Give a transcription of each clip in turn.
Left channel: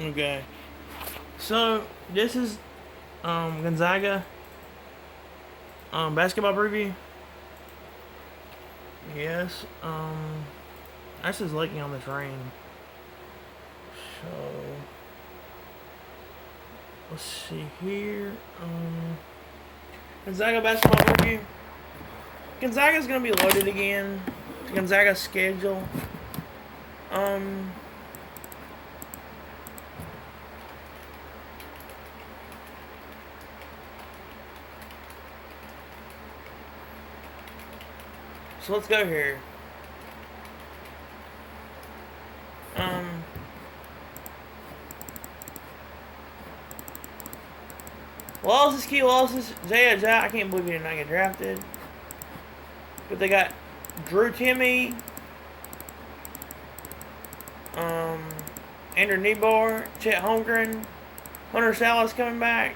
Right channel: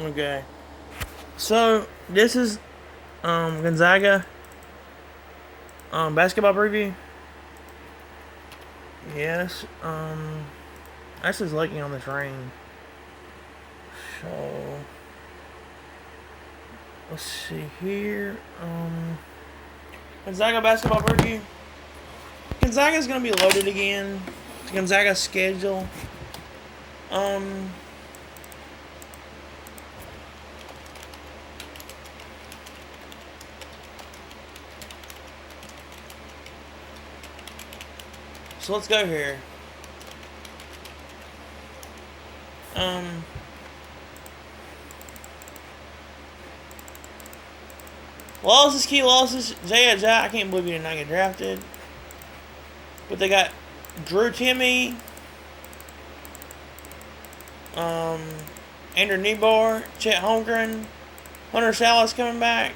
Okay. So this is Gonzaga basketball preview. Yes. Actually was liking on this rain. So let's see here. Gonzaga basketball preview. Gonzaga's gonna be loaded again. Gonzaga's schedule. Um so let's go here. Um Losses, key losses. Jay I can't believe he did not get drafted. But they got Drew Timmy, um, Andrew Niebuhr, Chet Holmgren, Hunter Salas coming back.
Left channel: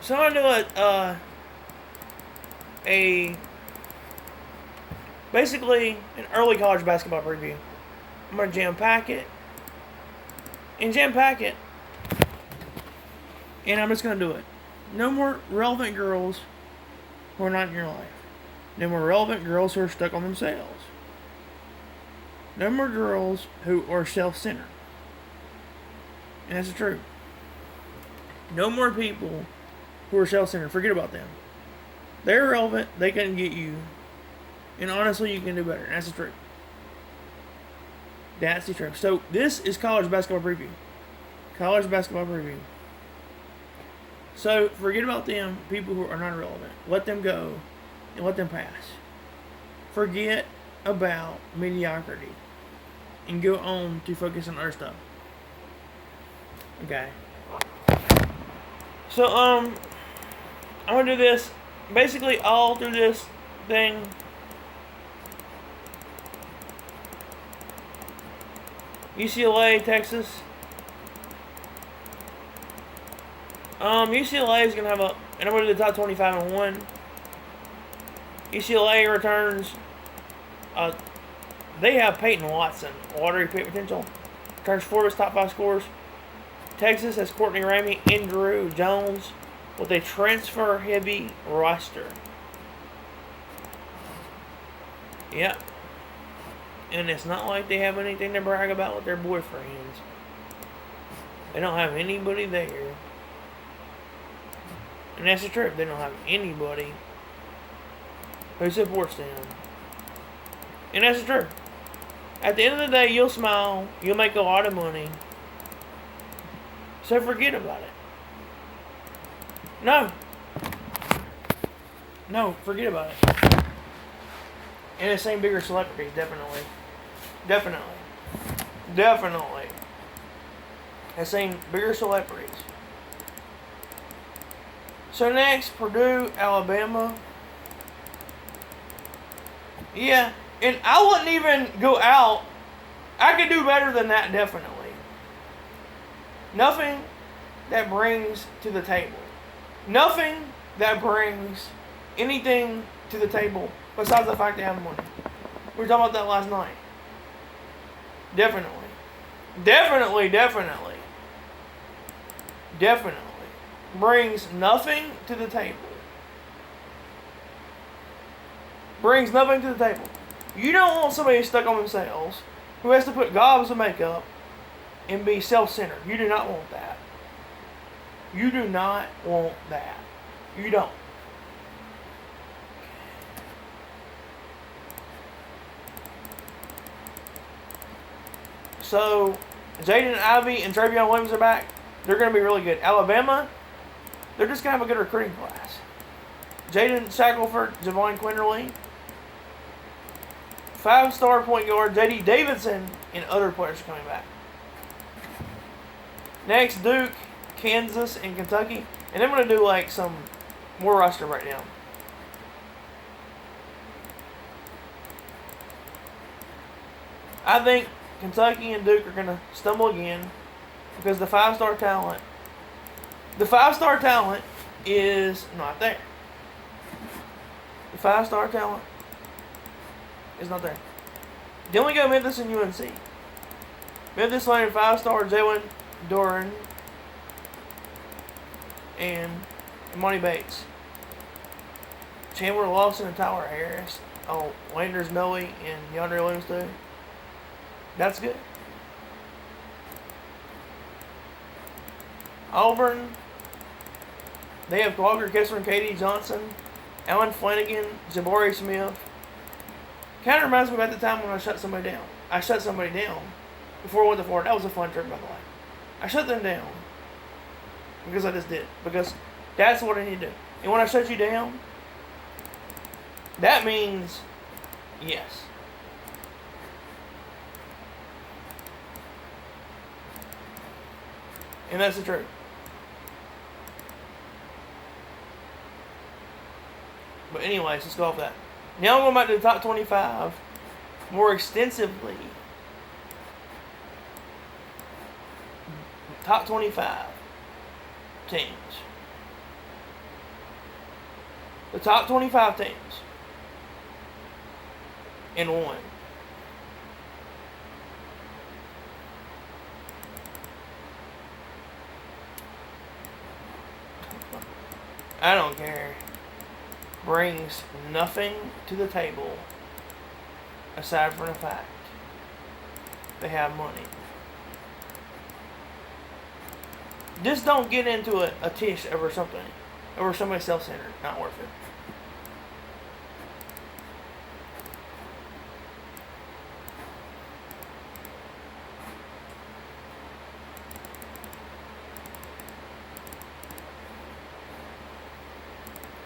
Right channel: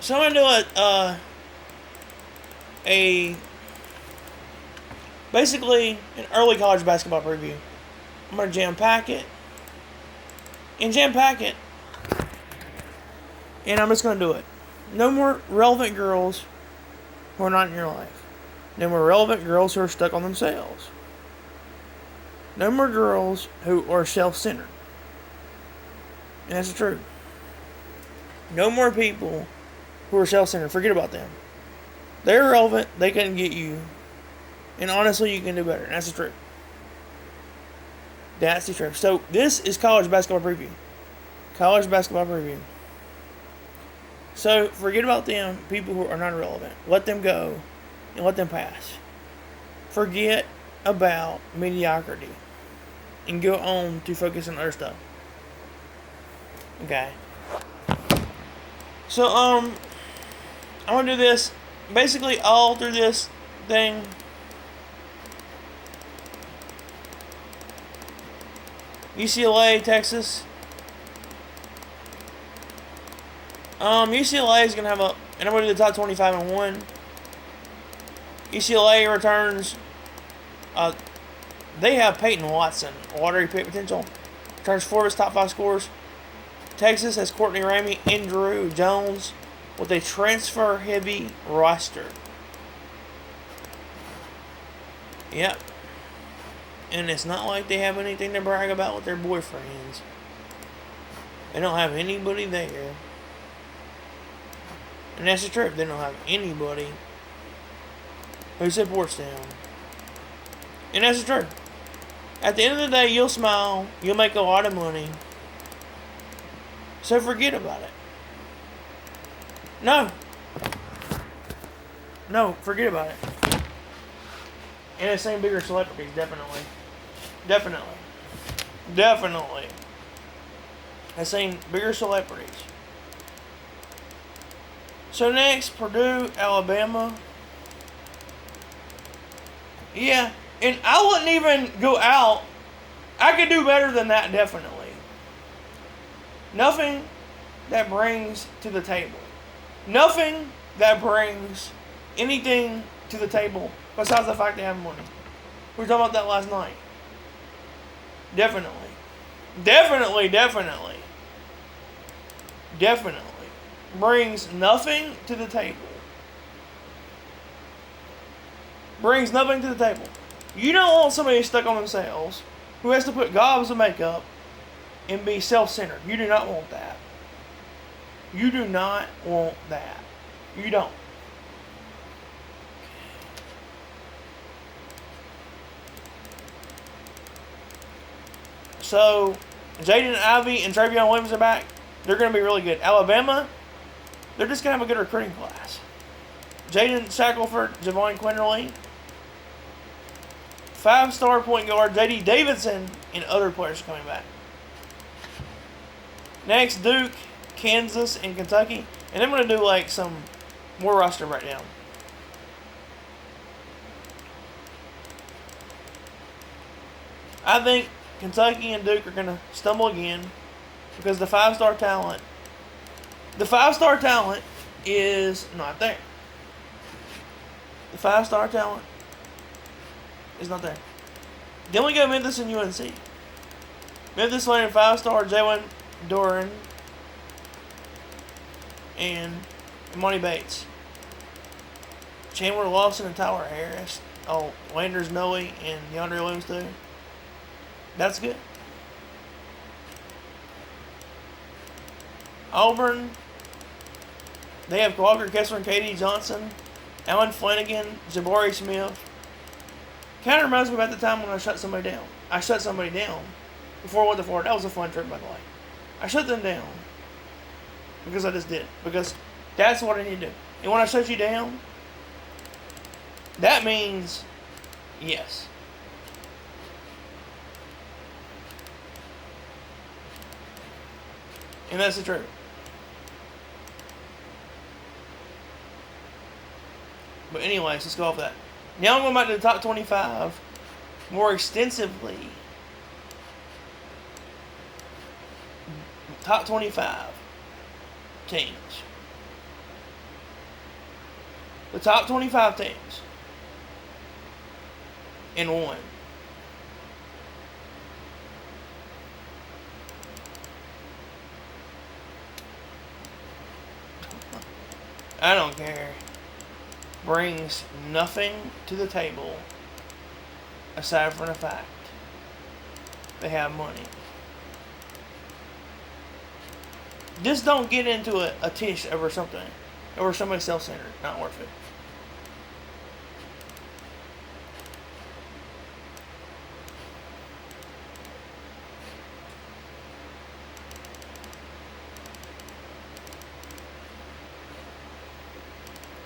So I'm gonna do a basically an early college basketball preview. I'm gonna jam pack it and and I'm just gonna do it. No more relevant girls who are not in your life. No more relevant girls who are stuck on themselves. No more girls who are self-centered. And that's the truth. No more people who are self-centered. Forget about them. They're irrelevant. They couldn't get you. And honestly, you can do better. And that's the truth. That's the truth. So this is college basketball preview. College basketball preview. So forget about them, people who are not relevant. Let them go and let them pass. Forget about mediocrity and go on to focus on other stuff. Okay. So I'm gonna do this basically all through this thing. UCLA, Texas. UCLA is gonna have and I'm gonna do the top 25 and 1. UCLA returns. They have Peyton Watson, lottery pick potential. Returns Florida's top 5 scorers. Texas has Courtney Ramey and Drew Jones with a transfer-heavy roster. Yep. And it's not like they have anything to brag about with their boyfriends. They don't have anybody there. And that's the truth. They don't have anybody who supports them. And that's the truth. At the end of the day, you'll smile. You'll make a lot of money. So forget about it. No, forget about it. And it's same bigger celebrities, definitely. Has seen bigger celebrities. So next, Purdue, Alabama. Yeah, and I wouldn't even go out. I could do better than that, definitely. Nothing that brings to the table. Nothing that brings anything to the table besides the fact they have money. We were talking about that last night. Definitely. Brings nothing to the table. You don't want somebody stuck on themselves who has to put gobs of makeup and be self-centered. You do not want that. You don't. So, Jaden Ivey and Travion Williams are back. They're going to be really good. Alabama, they're just going to have a good recruiting class. Jaden Shackelford, Javon Quinterly, 5-star point guard J.D. Davidson, and other players coming back. Next, Duke, Kansas, and Kentucky. And I'm going to do like some more roster breakdown. I think Kentucky and Duke are going to stumble again because the 5-star talent is not there. The 5-star talent is not there. Then we go Memphis and UNC. Memphis landed 5-star Jalen Duren and Monty Bates. Chandler Lawson and Tyler Harris. Oh, Landers Noe and DeAndre Williams too. That's good. Auburn. They have Walker Kessler and KD Johnson, Alan Flanagan, Jabari Smith. Kind of reminds me about the time when I shut somebody down. I shut somebody down before I went to Florida. That was a fun trip, by the way. I shut them down because I just did. Because that's what I need to do. And when I shut you down, that means yes. And that's the truth. But anyways, let's go off that. Now I'm going back to the top 25 more extensively. Top 25 teams. The top 25 teams. In one. I don't care. Brings nothing to the table aside from the fact they have money. Just don't get into a tish over something, over somebody self-centered. Not worth it.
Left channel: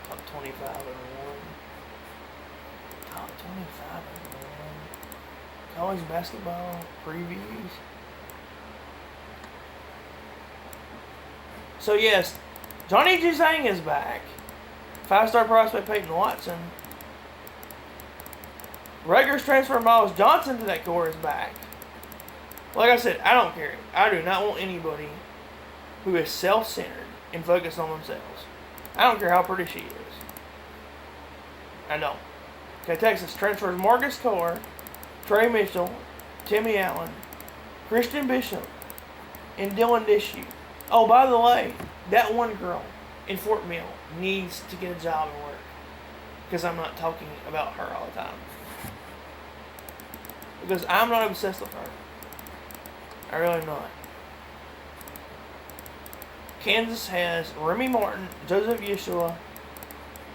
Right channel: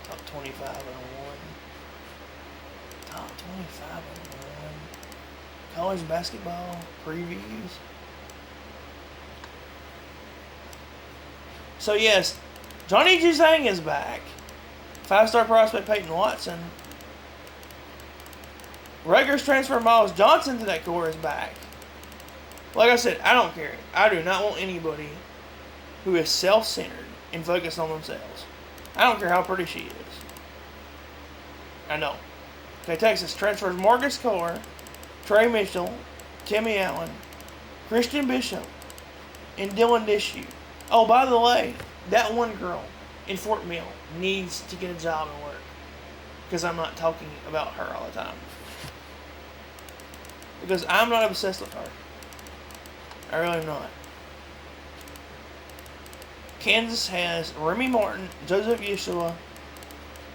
Top 25 and 1. Top 25 and 1. College basketball previews. So yes, Johnny Juzang is back. 5-star prospect Peyton Watson. Rutgers transfer Miles Johnson to that core is back. Like I said, I don't care. I do not want anybody who is self-centered and focused on themselves. I don't care how pretty she is. I know. Okay, Texas transfers Marcus Carr, Trey Mitchell, Timmy Allen, Christian Bishop, and Dylan Dishu. Oh, by the way, that one girl in Fort Mill needs to get a job and work. Because I'm not talking about her all the time. Because I'm not obsessed with her. I really am not. Kansas has Remy Martin, Joseph Yeshua,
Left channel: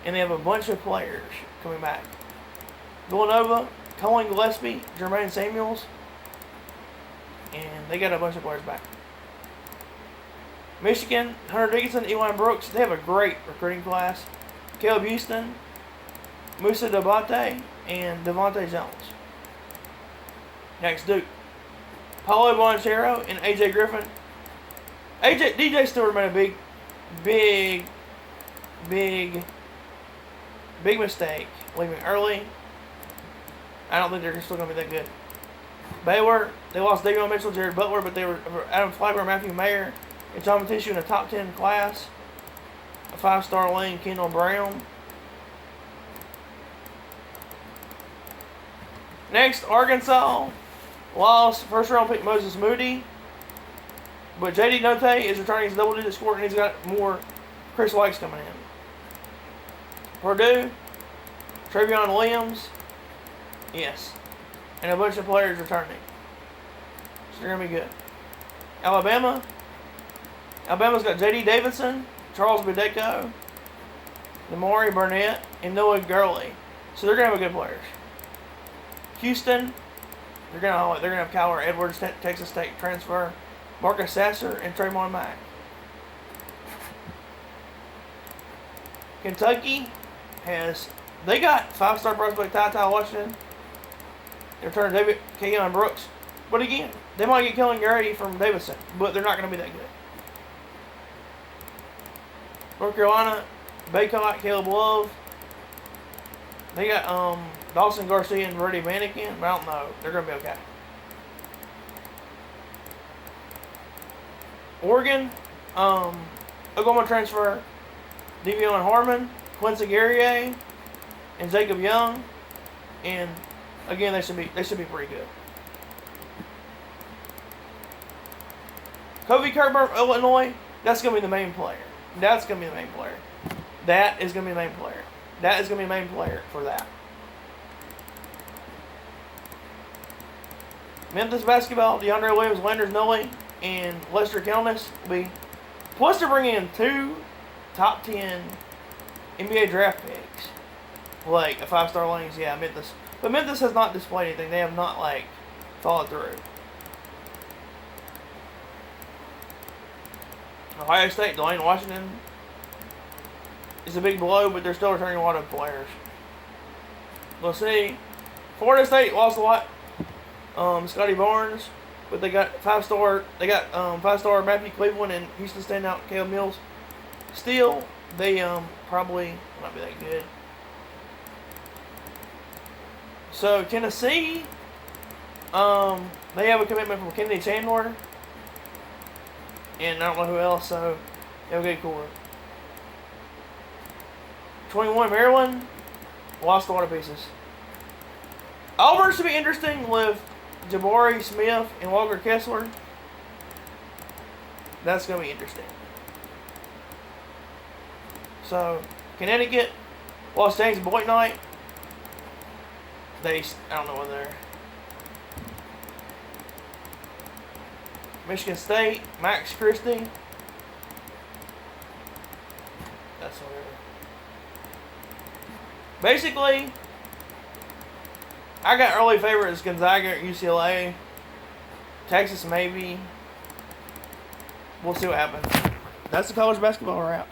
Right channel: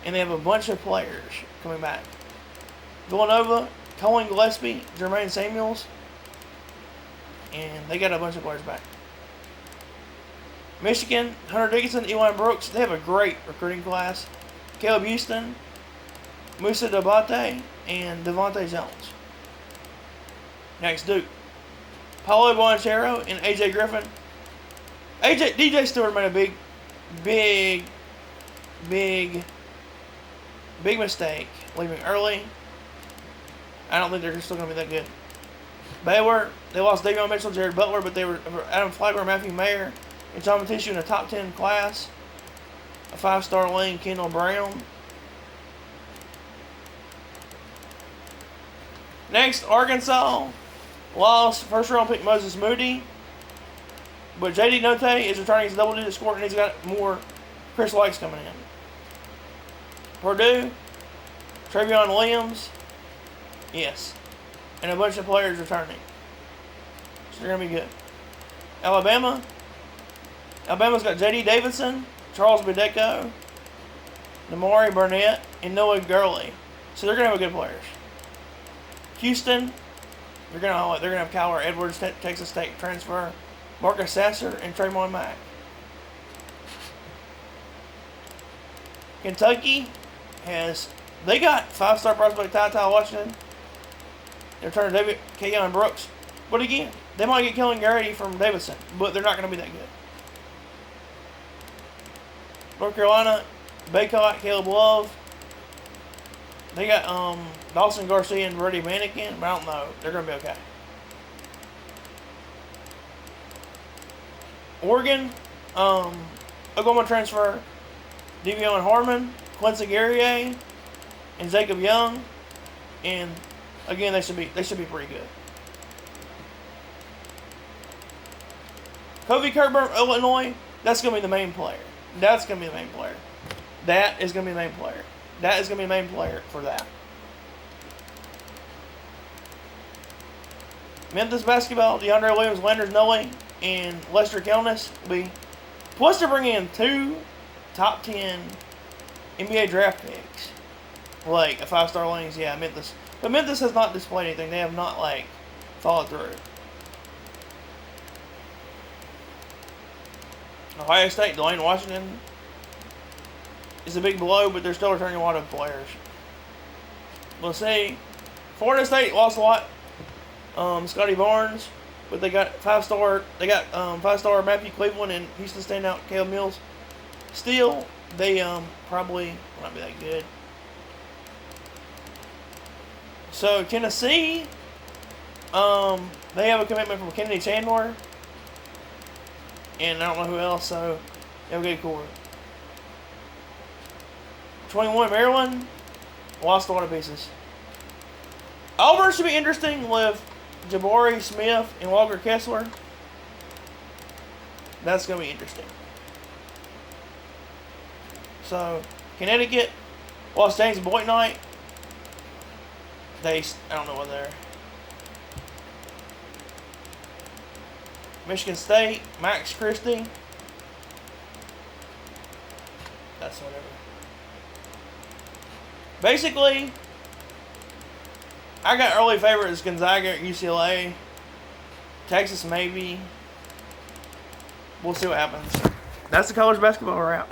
and they have a bunch of players coming back. Villanova, Colin Gillespie, Jermaine Samuels, and they got a bunch of players back. Michigan, Hunter Dickinson, Eli Brooks, they have a great recruiting class. Caleb Houston, Musa Dabate, and Devontae Jones. Next, Duke. Paulo Bonchero and AJ Griffin. DJ Stewart made a big mistake leaving early. I don't think they're still going to be that good. Baylor, they lost Davion Mitchell, Jared Butler, but they were Adam Flagler, Matthew Mayer, and Tom Tissue in a top 10 class. A 5-star lane, Kendall Brown. Next, Arkansas lost first-round pick Moses Moody, but J.D. Note is returning as a double-digit scorer, and he's got more Chris Wikes coming in. Purdue, Travion Williams, yes, and a bunch of players returning. So they're going to be good. Alabama's got J.D. Davidson, Charles Bideko, Namari Burnett, and Noah Gurley. So they're going to have good players. Houston, they're going to have Kyler Edwards, Texas State transfer, Marcus Sasser, and Trayvon Mack. Kentucky they got 5-star prospect Ty Washington. They're turning David Keon Brooks. But again, they might get Kellen Grady from Davidson, but they're not going to be that good. North Carolina, Baycott, Caleb Love. They got Dawson Garcia and Brady Mannequin, but I don't know. They're going to be okay. Oregon, Oklahoma transfer Devion Harmon, Quincy Guerrier, and Jacob Young. And Again, they should be pretty good. Kofi Cockburn, Illinois. That's gonna be the main player. That's gonna be the main player. That is gonna be the main player. That is gonna be the main player for that. Memphis basketball, DeAndre Williams, Landers Nolley, and Lester Kelnis will be plus to bring in 2 top 10 NBA draft picks. Like a 5-star lanes, yeah, Memphis. But Memphis has not displayed anything. They have not followed through. Ohio State, Delane Washington is a big blow, but they're still returning a lot of players. We'll see. Florida State lost a lot. Scotty Barnes, but they got 5-star. They got 5-star Matthew Cleveland and Houston standout Caleb Mills. Still, they probably not be that good. So Tennessee, they have a commitment from Kennedy Chandler, and I don't know who else. So they'll get cool. 21 Maryland lost a lot of pieces. Auburn should be interesting with Jabari Smith and Walker Kessler. That's going to be interesting. So, Connecticut lost James Boyknight. I don't know what they're. Michigan State, Max Christie. That's whatever. Basically, I got early favorites: Gonzaga at UCLA, Texas maybe. We'll see what happens. That's the college basketball wrap.